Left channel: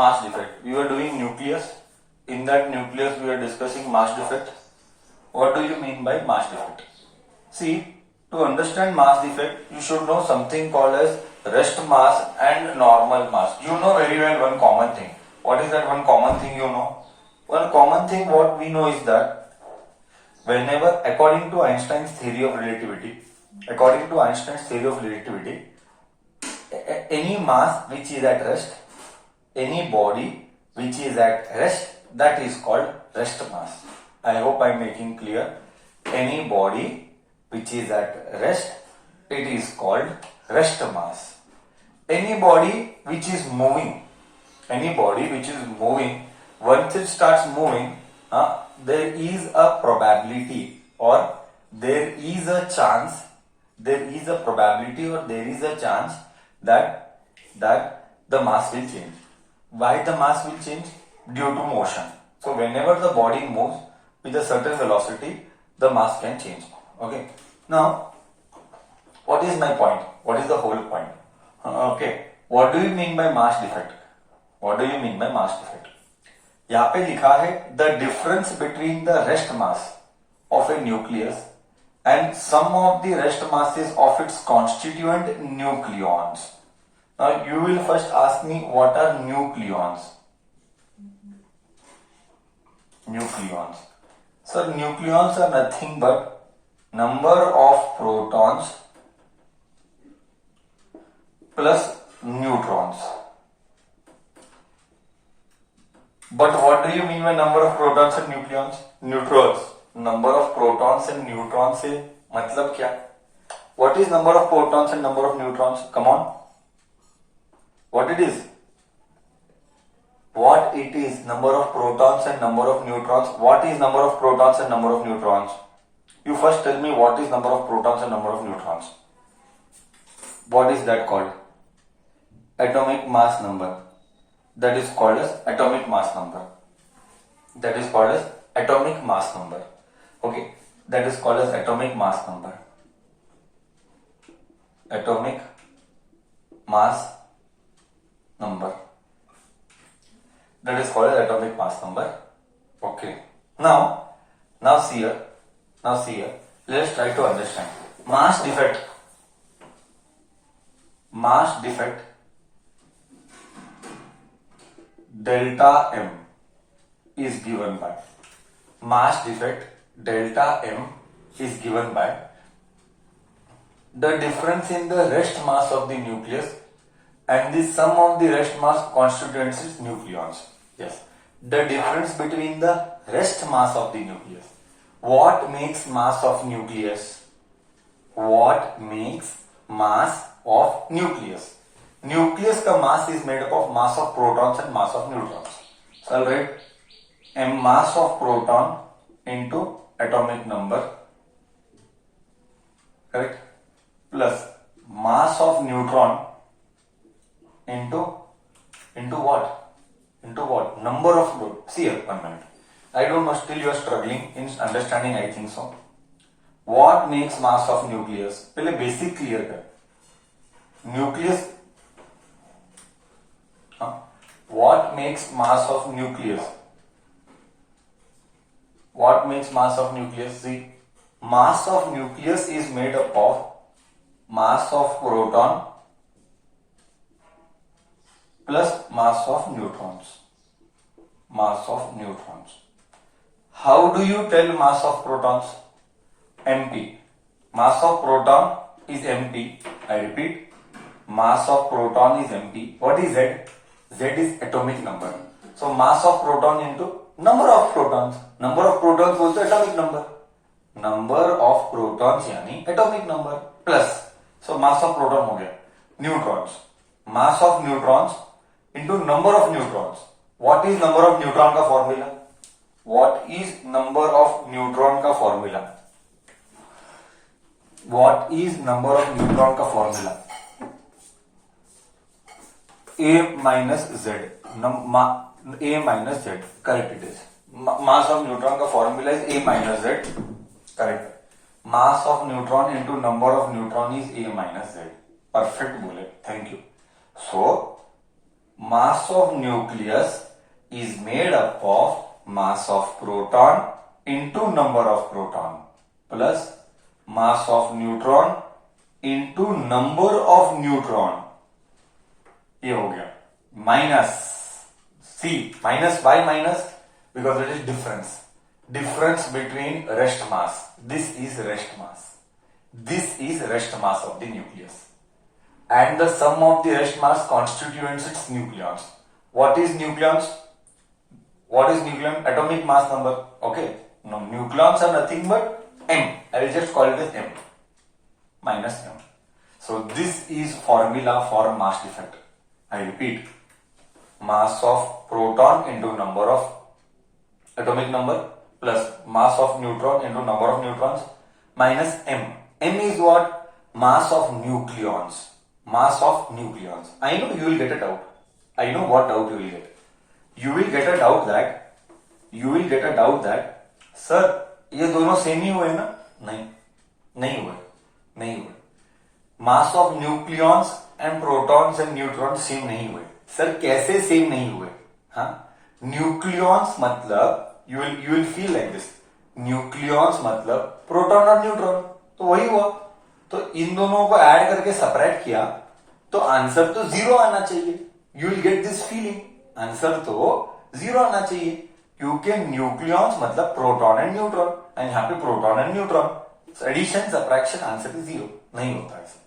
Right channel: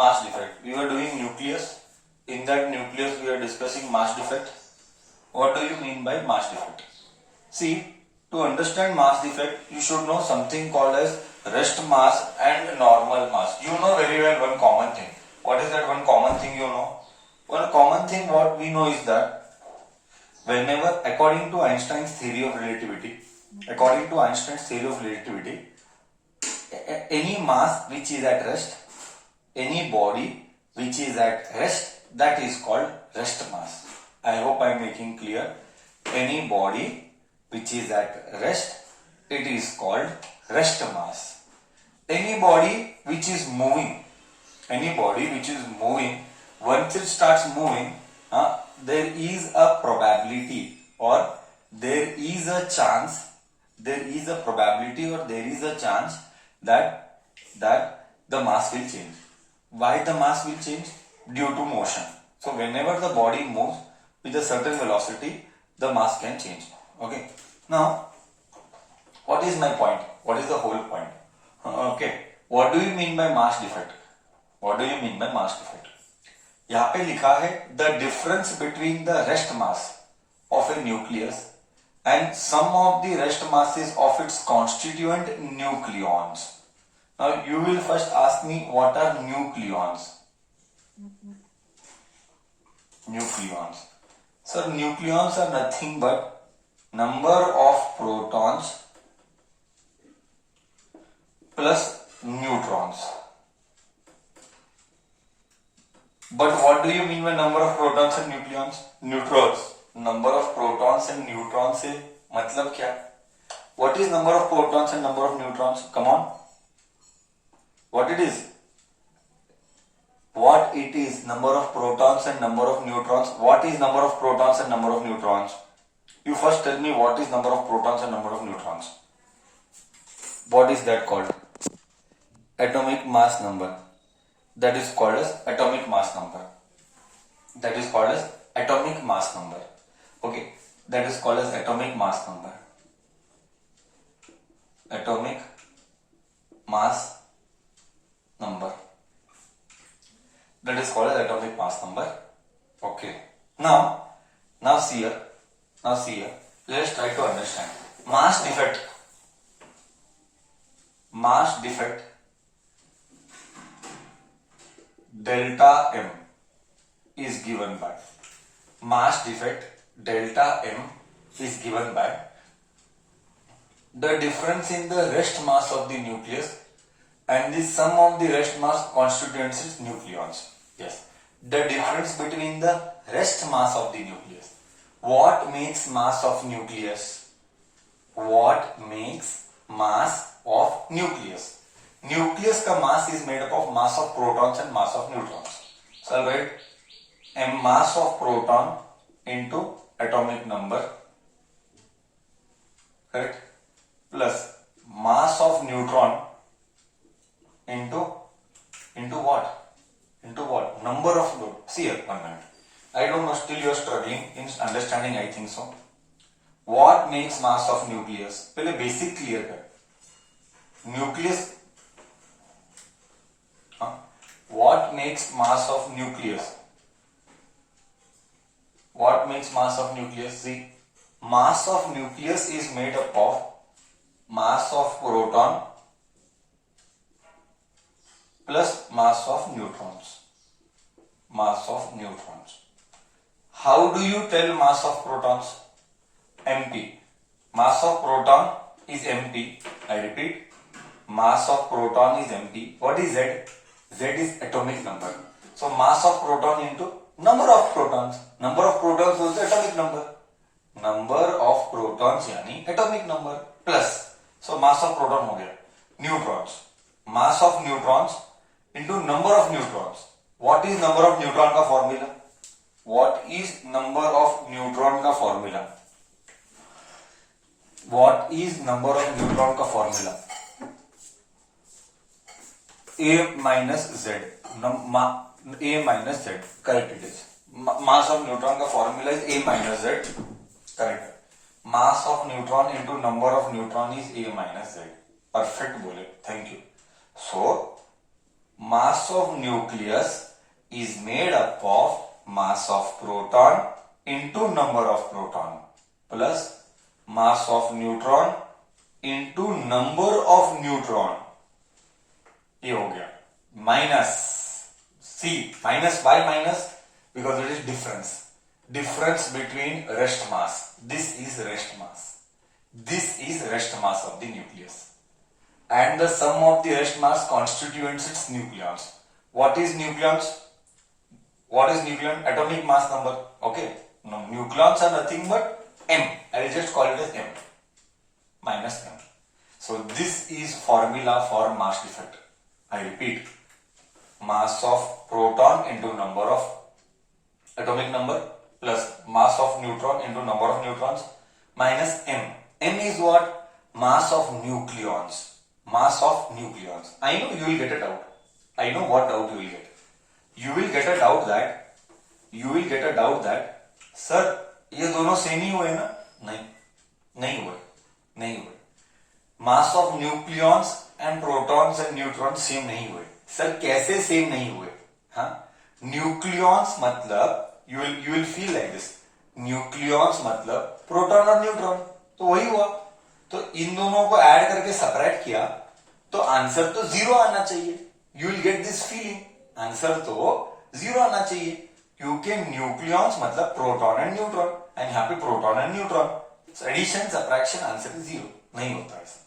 mass defect. We were doing nucleus. In that nucleus, we are discussing mass defect. What do you mean by mass defect? See, to understand mass defect, you should know something called as rest mass and normal mass. You know very well one common thing. What is that one common thing you know? One common thing what we know is that whenever, according to Einstein's theory of relativity, any mass which is at rest, any body which is at rest, that is called rest mass. I hope I am making clear. Any body which is at rest, it is called rest mass. Any body which is moving, once it starts moving, there is a probability or there is a chance that the mass will change. Why the mass will change? Due to motion. So whenever the body moves with a certain velocity, the mass can change. Okay. Now, what is my point? What is the whole point? Okay. What do you mean by mass defect? यहाँ पे लिखा है the difference between the rest mass of a nucleus and some of the rest masses of its constituent nucleons. Now you will first ask me what are nucleons? So nucleons are nothing but number of protons plus neutrons. But what do you mean by number of protons and neutrons? Number of protons and neutrons से मतलब क्या? What is number of protons and number of neutrons? Come on. What it is? Number of protons and number of neutrons. What is number of protons and number of neutrons? You first tell me what is number of protons and number of neutrons. What is that called? Atomic mass number. That is called as atomic mass number. Okay, that is called as atomic mass number. Atomic mass number. That is called as atomic mass number. Okay. Now see here. Let us try to understand. Mass defect. Delta M is given by the difference in the rest mass of the nucleus and the sum of the rest mass constituents its nucleons. Yes, the difference between the rest mass of the nucleus. What makes mass of nucleus? Nucleus का mass is made up of mass of protons and mass of neutrons. So I'll write m mass of proton into atomic number, correct, plus mass of neutron into what? Number of load. See here, 1 minute. I don't know, still you are struggling in understanding, I think so. What makes mass of nucleus? पहले basic clear कर. Nucleus. What makes mass of nucleus? See, mass of nucleus is made up of mass of proton plus mass of neutrons. How do you tell mass of protons? MP. Mass of proton is MP. I repeat, mass of proton is MP. What is Z? Z is atomic number. So mass of proton into number of protons. Number of protons also atomic number. Number of protons यानी atomic number plus. So mass of proton हो गया. Neutrons. Mass of neutrons into number of neutrons. What is number of neutron का formula? What is number of neutron का formula? A minus Z. A minus Z. Correct it is. Mass of neutron का formula is A minus Z. Correct. Mass of neutron into number of neutron is A minus Z. Perfect बोले. Thank you. So mass of nucleus is made up of mass of proton into number of proton plus mass of neutron into number of neutron. ये हो गया minus C minus by minus because it is difference between rest mass. This is rest mass. This is rest mass of the nucleus. And the sum of the rest mass constitutes its nucleons. What is nucleons? What is nucleon? Atomic mass number. Okay. No, nucleons are nothing but m. I will just call it as m. Minus m. So this is formula for mass defect. I repeat. Mass of proton into number of atomic number plus mass of neutron into number of neutrons minus m. M is what? Mass of nucleons. Mass of nucleons. I know you will get a doubt. I know what doubt you will get. You will get a doubt that sir ये दोनों same ही हुए ना? नहीं हुए. Mass of nucleons and protons and neutrons same नहीं हुए. Sir कैसे same नहीं हुए? हाँ, न्यूक्लियॉन्स मतलब you will feel like this. Nucleons मतलब प्रोटॉन और न्यूट्रॉन, तो वही हुआ. तो इन दोनों को ऐड करके सेपरेट किया तो आंसर तो जीरो आना चाहिए. You will get this feeling, answer तो जीरो आना चाहिए क्योंकि न्यूक्लियॉन्स मतलब प्रोटॉन एंड न्यूट्रॉन एंड यहाँ पे proton and neutron. Addition subtraction answer is zero. नहीं होता ऐसा.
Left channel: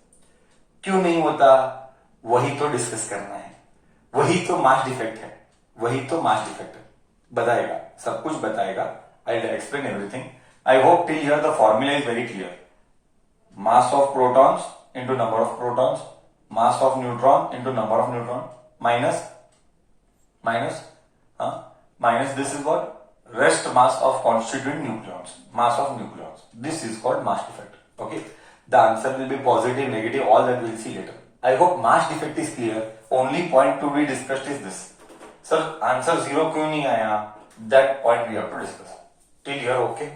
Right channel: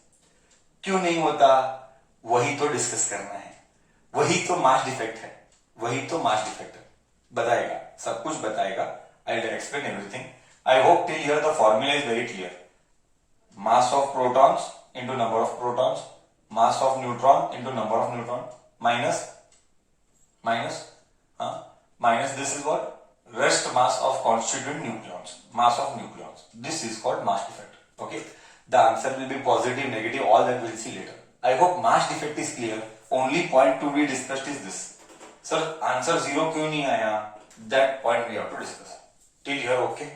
क्यों नहीं होता? वही तो डिस्कस करना है. वही तो मास डिफेक्ट है. बताएगा, सब कुछ बताएगा. I will explain everything. I hope till here the formula is very clear. Mass of protons into number of protons, mass of neutron into number of neutron minus this is what? Rest mass of constituent nucleons. Mass of nucleons. This is called mass defect. Okay. The answer will be positive, negative, all that we'll see later. I hope mass defect is clear. Only point to be discussed is this. Sir, answer zero क्यों नहीं आया? That point we have to discuss. Till here, okay?